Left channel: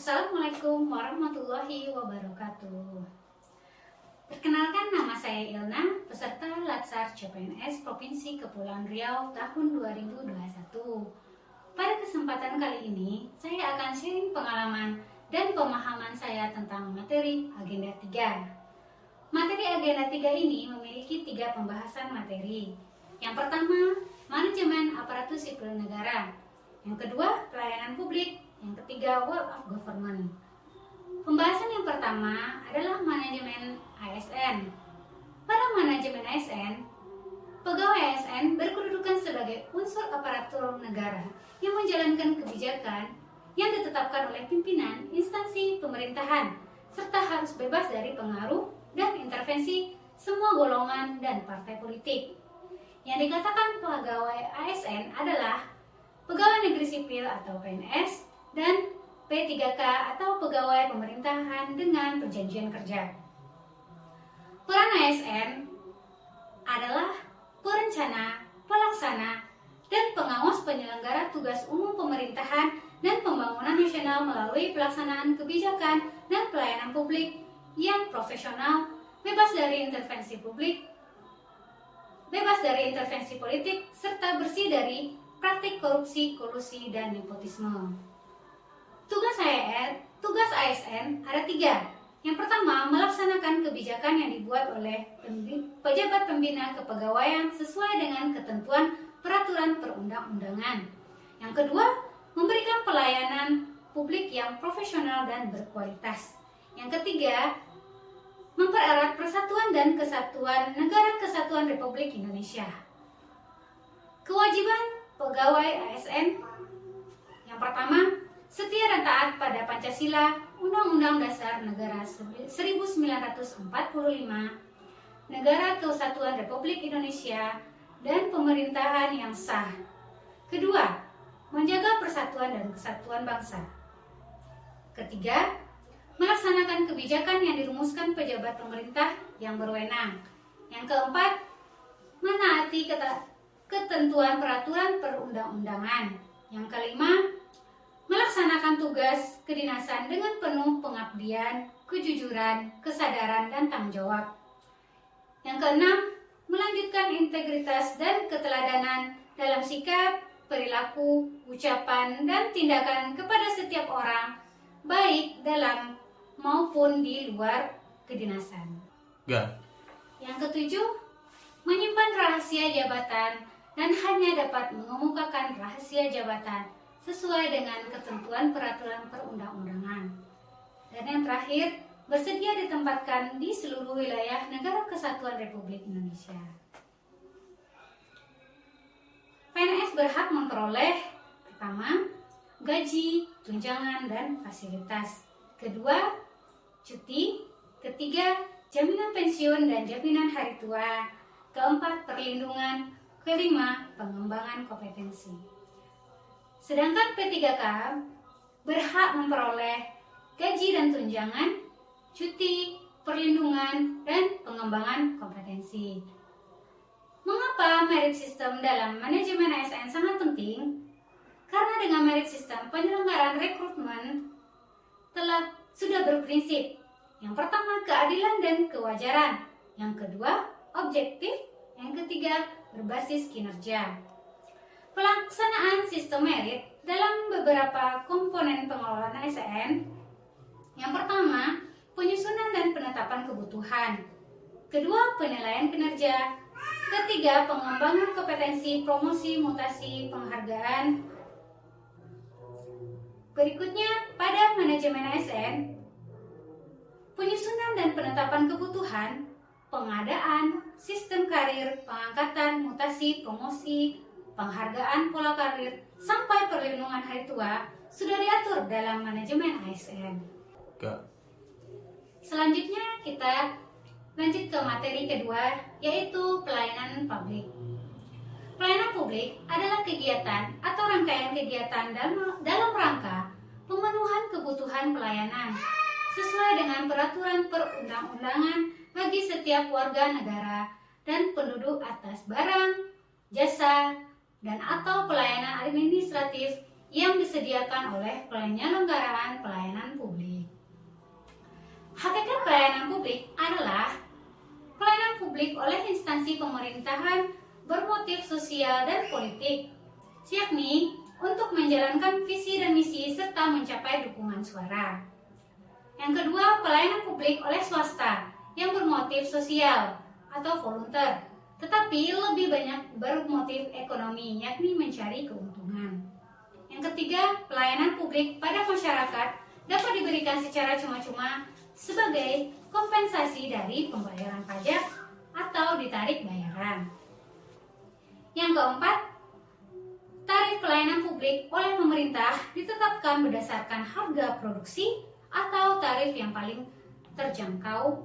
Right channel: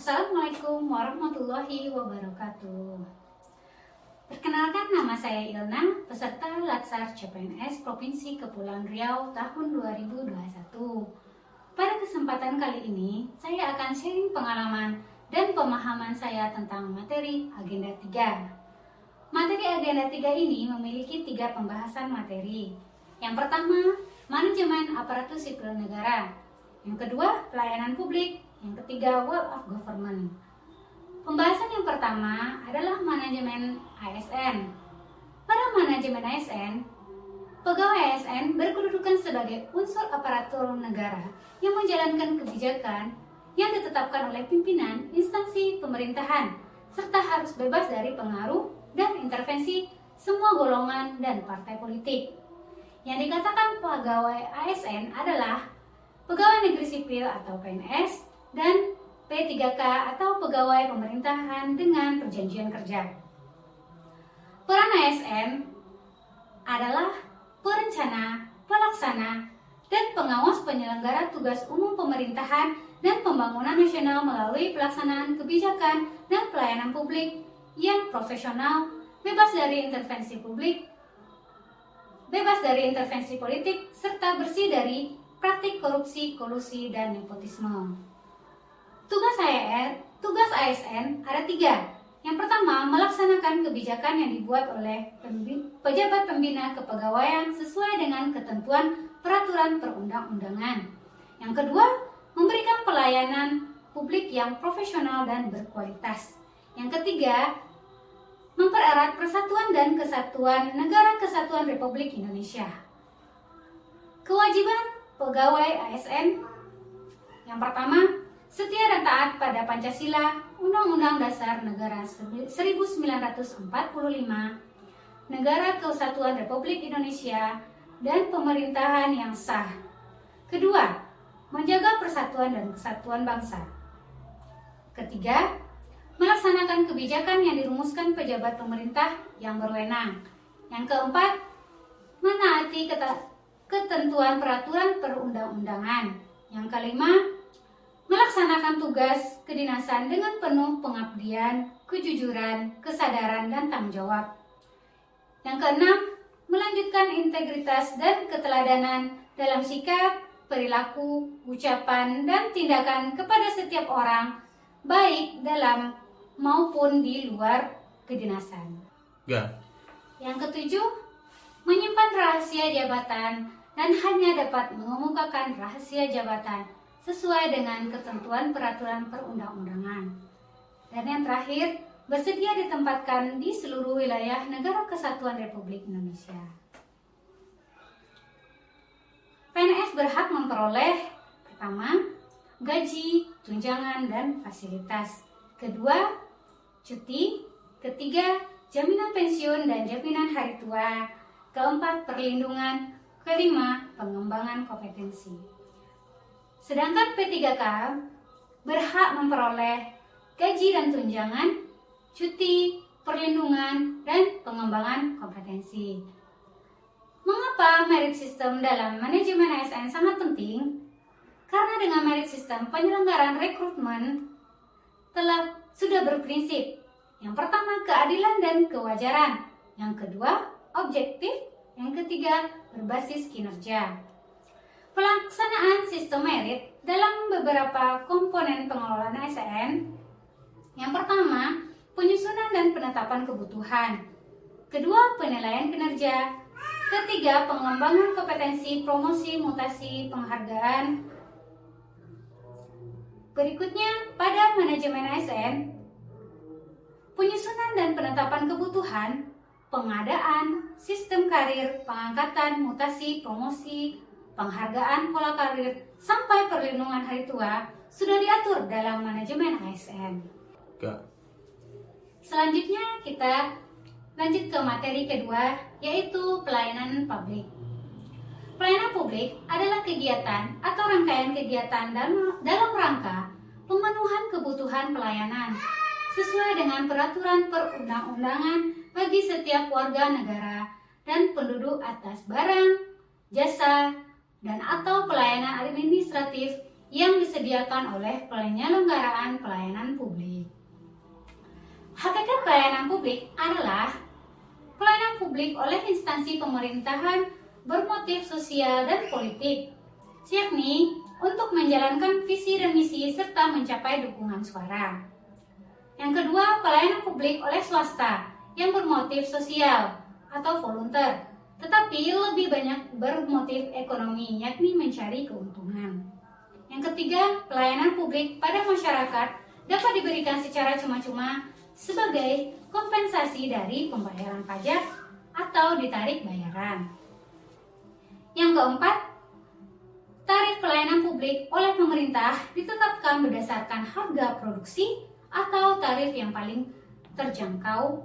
Assalamualaikum warahmatullahi wabarakatuh. Perkenalkan, nama saya Ilna, peserta Latsar CPNS Provinsi Kepulauan Riau tahun 2021. Pada kesempatan kali ini, saya akan sharing pengalaman dan pemahaman saya tentang materi Agenda 3. Materi Agenda 3 ini memiliki 3 pembahasan materi. Yang pertama, manajemen aparatur sipil negara. Yang kedua, pelayanan publik. Yang ketiga, World of Government. Pembahasan yang pertama adalah manajemen ASN. Pada manajemen ASN, pegawai ASN berkedudukan sebagai unsur aparatur negara yang menjalankan kebijakan yang ditetapkan oleh pimpinan instansi pemerintahan, serta harus bebas dari pengaruh dan intervensi semua golongan dan partai politik. Yang dikatakan pegawai ASN adalah pegawai negeri sipil atau PNS, dan P3K atau pegawai pemerintahan dengan perjanjian kerja. Peran ASN adalah perencana, pelaksana, dan pengawas penyelenggara tugas umum pemerintahan dan pembangunan nasional melalui pelaksanaan kebijakan dan pelayanan publik yang profesional, bebas dari intervensi publik, bebas dari intervensi politik, serta bersih dari praktik korupsi, kolusi, dan nepotisme. Tugas ASN ada 3. Yang pertama, melaksanakan kebijakan yang dibuat oleh pejabat pembina kepegawaian sesuai dengan ketentuan peraturan perundang-undangan. Yang kedua, memberikan pelayanan publik yang profesional dan berkualitas. Yang ketiga, mempererat persatuan dan kesatuan Negara Kesatuan Republik Indonesia. Kewajiban pegawai ASN yang pertama, setia dan taat pada Pancasila, Undang-Undang Dasar Negara 1945, Negara Kesatuan Republik Indonesia, dan pemerintahan yang sah. Kedua, menjaga persatuan dan kesatuan bangsa. Ketiga, melaksanakan kebijakan yang dirumuskan pejabat pemerintah yang berwenang. Yang keempat, menaati ketentuan peraturan perundang-undangan. Yang kelima, melaksanakan tugas kedinasan dengan penuh pengabdian, kejujuran, kesadaran, dan tanggung jawab. Yang keenam, melanjutkan integritas dan keteladanan dalam sikap, perilaku, ucapan, dan tindakan kepada setiap orang, baik dalam maupun di luar kedinasan. Yang ketujuh, menyimpan rahasia jabatan dan hanya dapat mengemukakan rahasia jabatan sesuai dengan ketentuan peraturan perundang-undangan. Dan yang terakhir, bersedia ditempatkan di seluruh wilayah Negara Kesatuan Republik Indonesia. PNS berhak memperoleh pertama, gaji, tunjangan, dan fasilitas. Kedua, cuti. Ketiga, jaminan pensiun dan jaminan hari tua. Keempat, perlindungan. Kelima, pengembangan kompetensi. Sedangkan P3K berhak memperoleh gaji dan tunjangan, cuti, perlindungan, dan pengembangan kompetensi. Mengapa merit system dalam manajemen ASN sangat penting? Karena dengan merit system penyelenggaraan rekrutmen sudah berprinsip. Yang pertama, keadilan dan kewajaran. Yang kedua, objektif. Yang ketiga, berbasis kinerja. Pelaksanaan sistem merit dalam beberapa komponen pengelolaan ASN. Yang pertama, penyusunan dan penetapan kebutuhan. Kedua, penilaian kinerja. Ketiga, pengembangan kompetensi, promosi, mutasi, penghargaan. Berikutnya, pada manajemen ASN, penyusunan dan penetapan kebutuhan, pengadaan, sistem karir, pengangkatan, mutasi, promosi, penghargaan pola karir, sampai perlindungan hari tua sudah diatur dalam manajemen ASN. Selanjutnya kita lanjut ke materi kedua, yaitu pelayanan publik. Pelayanan publik adalah kegiatan atau rangkaian kegiatan dalam rangka pemenuhan kebutuhan pelayanan sesuai dengan peraturan perundang-undangan bagi setiap warga negara dan penduduk atas barang, jasa, dan atau pelayanan administratif yang disediakan oleh penyelenggaraan pelayanan publik. Hakikat pelayanan publik adalah pelayanan publik oleh instansi pemerintahan bermotif sosial dan politik, yakni untuk menjalankan visi dan misi serta mencapai dukungan suara. Yang kedua, pelayanan publik oleh swasta yang bermotif sosial atau volunteer, tetapi lebih banyak bermotif ekonomi, yakni mencari keuntungan. Yang ketiga, pelayanan publik pada masyarakat dapat diberikan secara cuma-cuma sebagai kompensasi dari pembayaran pajak atau ditarik bayaran. Yang keempat, tarif pelayanan publik oleh pemerintah ditetapkan berdasarkan harga produksi atau tarif yang paling terjangkau.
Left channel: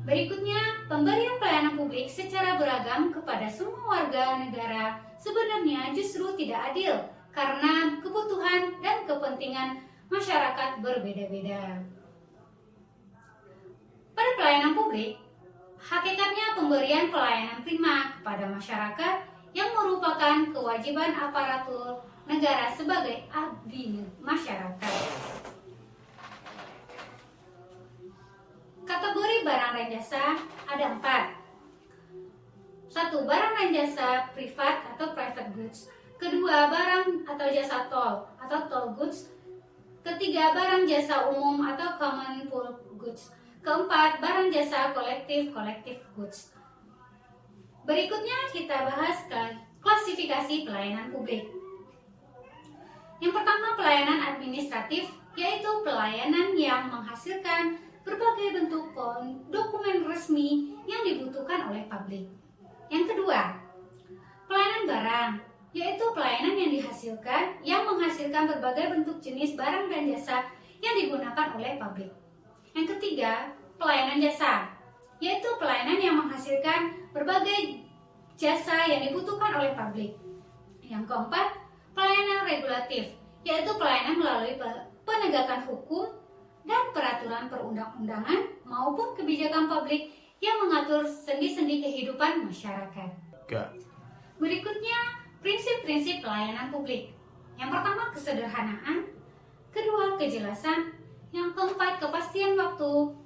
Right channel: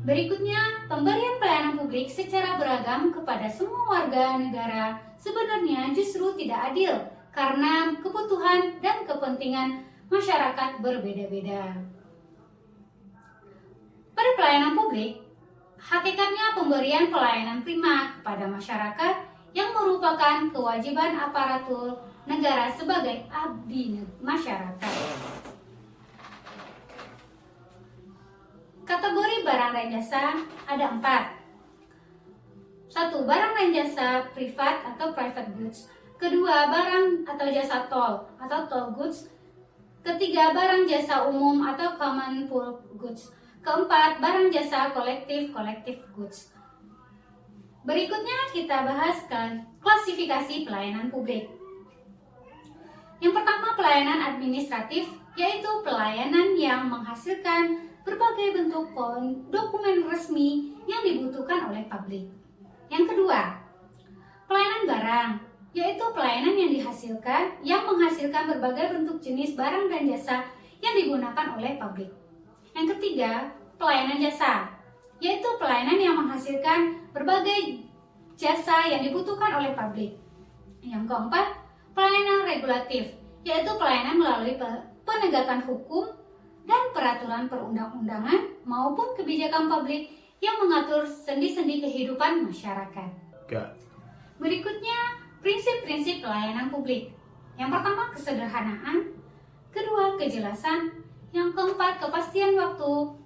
Berikutnya, pemberian pelayanan publik secara beragam kepada semua warga negara sebenarnya justru tidak adil karena kebutuhan dan kepentingan masyarakat berbeda-beda. Pada pelayanan publik, hakikatnya pemberian pelayanan prima kepada masyarakat yang merupakan kewajiban aparatur negara sebagai abdi masyarakat. Kategori barang dan jasa ada 4. 1. Barang dan jasa privat atau private goods. Kedua, barang atau jasa tol atau toll goods. Ketiga, barang jasa umum atau common pool goods. Keempat, barang jasa kolektif goods. Berikutnya kita bahas klasifikasi pelayanan publik. Yang pertama, pelayanan administratif, yaitu pelayanan yang menghasilkan berbagai bentuk dokumen resmi yang dibutuhkan oleh publik. Yang kedua, pelayanan barang, yaitu pelayanan yang menghasilkan berbagai bentuk jenis barang dan jasa yang digunakan oleh publik. Yang ketiga, pelayanan jasa, yaitu pelayanan yang menghasilkan berbagai jasa yang dibutuhkan oleh publik. Yang keempat, pelayanan regulatif, yaitu pelayanan melalui penegakan hukum dan peraturan perundang-undangan maupun kebijakan publik yang mengatur sendi-sendi kehidupan masyarakat. Berikutnya, prinsip-prinsip pelayanan publik. Yang pertama, kesederhanaan. Kedua, kejelasan. Yang keempat, kepastian waktu.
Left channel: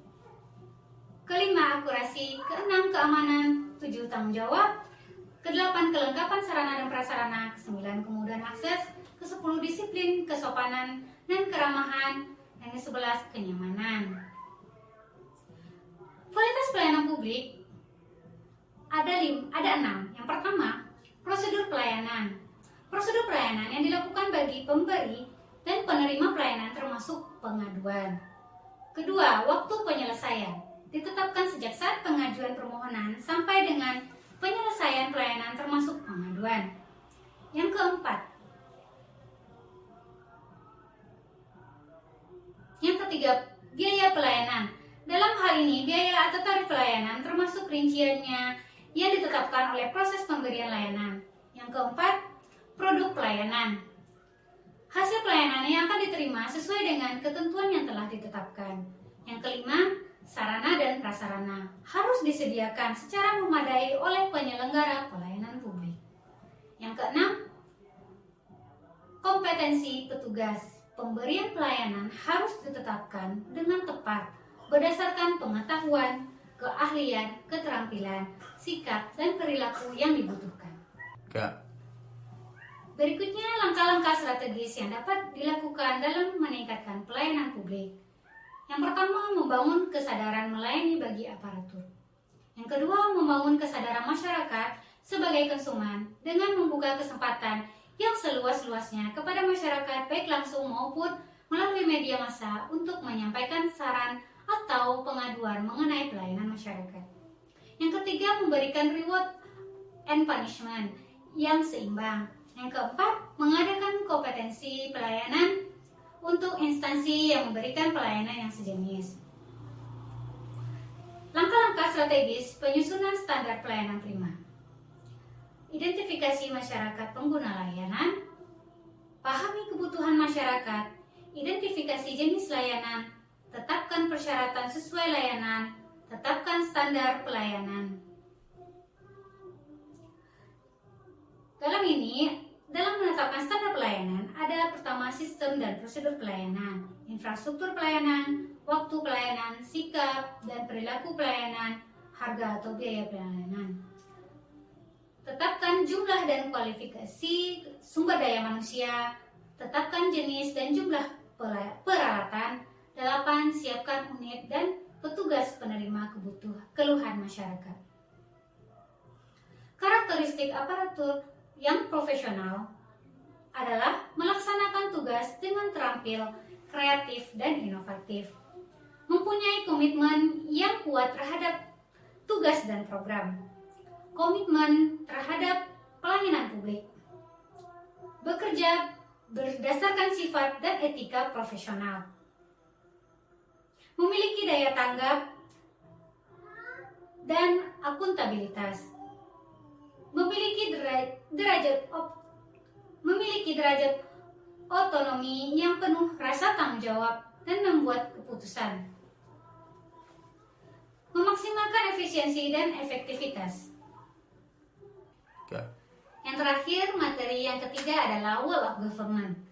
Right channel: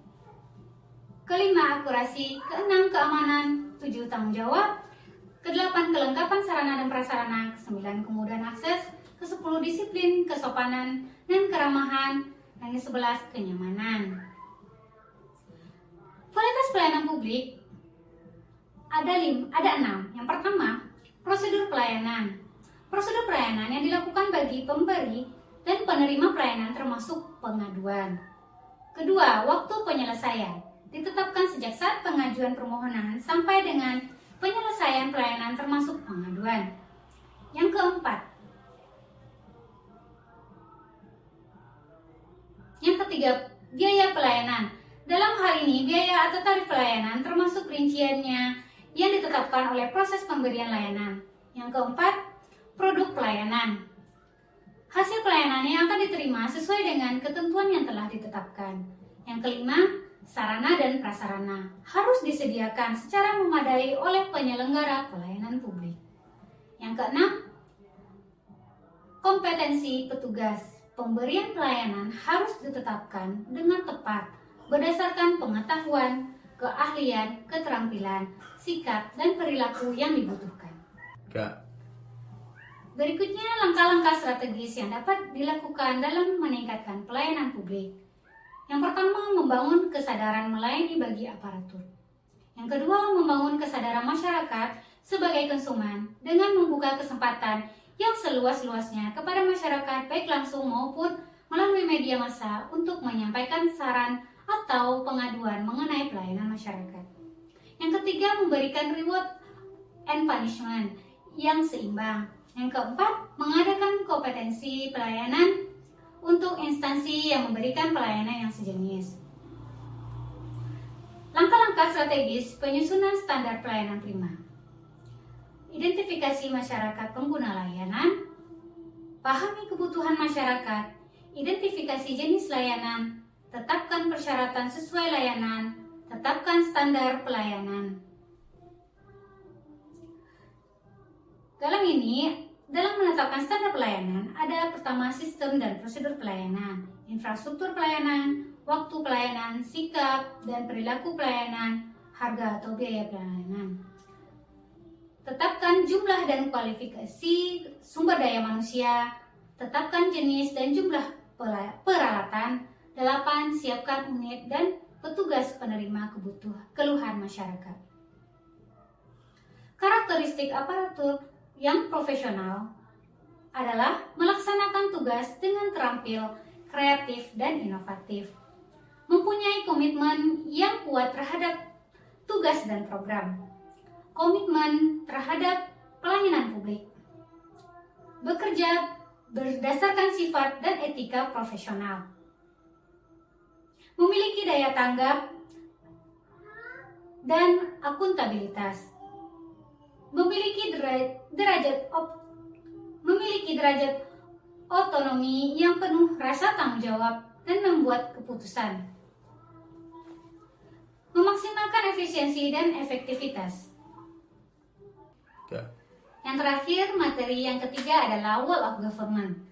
Kelima, akurasi. Keenam, keamanan. 7, tanggung jawab. Kedelapan, kelengkapan sarana dan prasarana. Kesembilan, kemudahan akses. Kesepuluh, disiplin, kesopanan, dan keramahan. Dan ke-11, kenyamanan. Kualitas pelayanan publik ada 6. Yang pertama, prosedur pelayanan. Prosedur pelayanan yang dilakukan bagi pemberi dan penerima pelayanan termasuk pengaduan. Kedua, waktu penyelesaian. Ditetapkan sejak saat pengajuan permohonan sampai dengan penyelesaian pelayanan termasuk pengaduan. Yang keempat. Yang ketiga, biaya pelayanan. Dalam hal ini, biaya atau tarif pelayanan termasuk rinciannya yang ditetapkan oleh proses pemberian layanan. Yang keempat, produk pelayanan. Hasil pelayanan yang akan diterima sesuai dengan ketentuan yang telah ditetapkan. Yang kelima, sarana dan prasarana harus disediakan secara memadai oleh penyelenggara pelayanan publik. Yang keenam, kompetensi petugas. Pemberian pelayanan harus ditetapkan dengan tepat berdasarkan pengetahuan, keahlian, keterampilan, sikap, dan perilaku yang dibutuhkan. Berikutnya, langkah-langkah strategis yang dapat dilakukan dalam meningkatkan pelayanan publik. Yang pertama, membangun kesadaran melayani bagi aparatur. Yang kedua, membangun kesadaran masyarakat sebagai konsumen dengan membuka kesempatan yang seluas-luasnya kepada masyarakat baik langsung maupun melalui media massa untuk menyampaikan saran atau pengaduan mengenai pelayanan masyarakat. Yang ketiga, memberikan reward and punishment yang seimbang. Yang keempat, mengadakan kompetensi pelayanan untuk instansi yang memberikan pelayanan yang sejenis. Langkah-langkah strategis penyusunan standar pelayanan prima. Identifikasi masyarakat pengguna layanan, pahami kebutuhan masyarakat, identifikasi jenis layanan, tetapkan persyaratan sesuai layanan, tetapkan standar pelayanan. Dalam menetapkan standar pelayanan, pelayanan ada pertama sistem dan prosedur pelayanan, infrastruktur pelayanan, waktu pelayanan, sikap dan perilaku pelayanan, harga atau biaya pelayanan. Tetapkan jumlah dan kualifikasi sumber daya manusia, tetapkan jenis dan jumlah peralatan. 8. Siapkan unit dan petugas penerima keluhan masyarakat. Karakteristik aparatur yang profesional adalah melaksanakan tugas dengan terampil, kreatif, dan inovatif, mempunyai komitmen yang kuat terhadap tugas dan program, komitmen terhadap pelayanan publik, bekerja berdasarkan sifat dan etika profesional, memiliki daya tanggap dan akuntabilitas, memiliki derajat otonomi yang penuh rasa tanggung jawab dan membuat keputusan, memaksimalkan efisiensi dan efektivitas. Yang terakhir, materi yang ketiga adalah Whole of Government.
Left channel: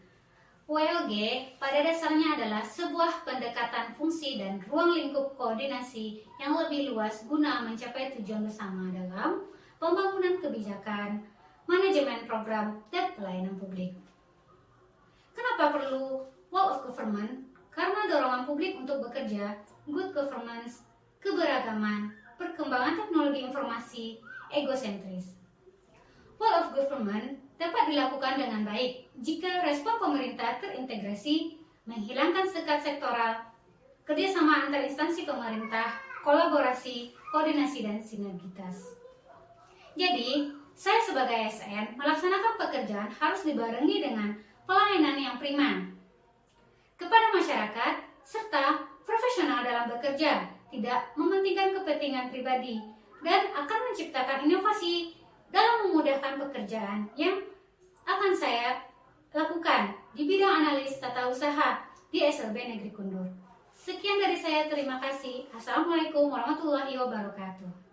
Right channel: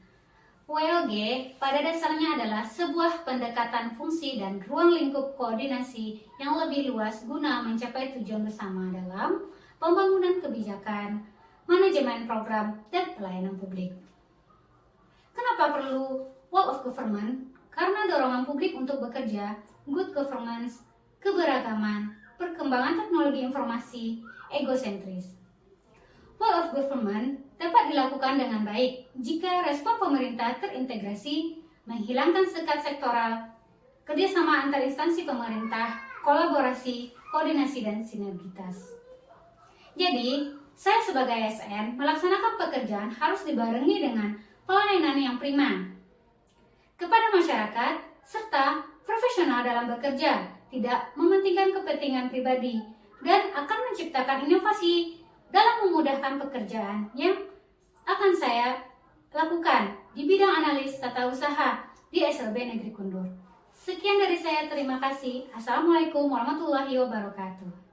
WLG pada dasarnya adalah sebuah pendekatan fungsi dan ruang lingkup koordinasi yang lebih luas guna mencapai tujuan bersama dalam pembangunan kebijakan, manajemen program, dan pelayanan publik. Kenapa perlu Whole of Government? Karena dorongan publik untuk bekerja, good governance, keberagaman, perkembangan teknologi informasi, egosentris. Whole of Government dapat dilakukan dengan baik jika respon pemerintah terintegrasi, menghilangkan sekat sektoral, kerjasama antar instansi pemerintah, kolaborasi, koordinasi, dan sinergitas. Jadi, saya sebagai ASN melaksanakan pekerjaan harus dibarengi dengan pelayanan yang prima kepada masyarakat, serta profesional dalam bekerja, tidak mementingkan kepentingan pribadi, dan akan menciptakan inovasi dalam memudahkan pekerjaan yang akan saya lakukan di bidang analis tata usaha di SLB Negeri Kundur. Sekian dari saya, terima kasih. Assalamualaikum warahmatullahi wabarakatuh.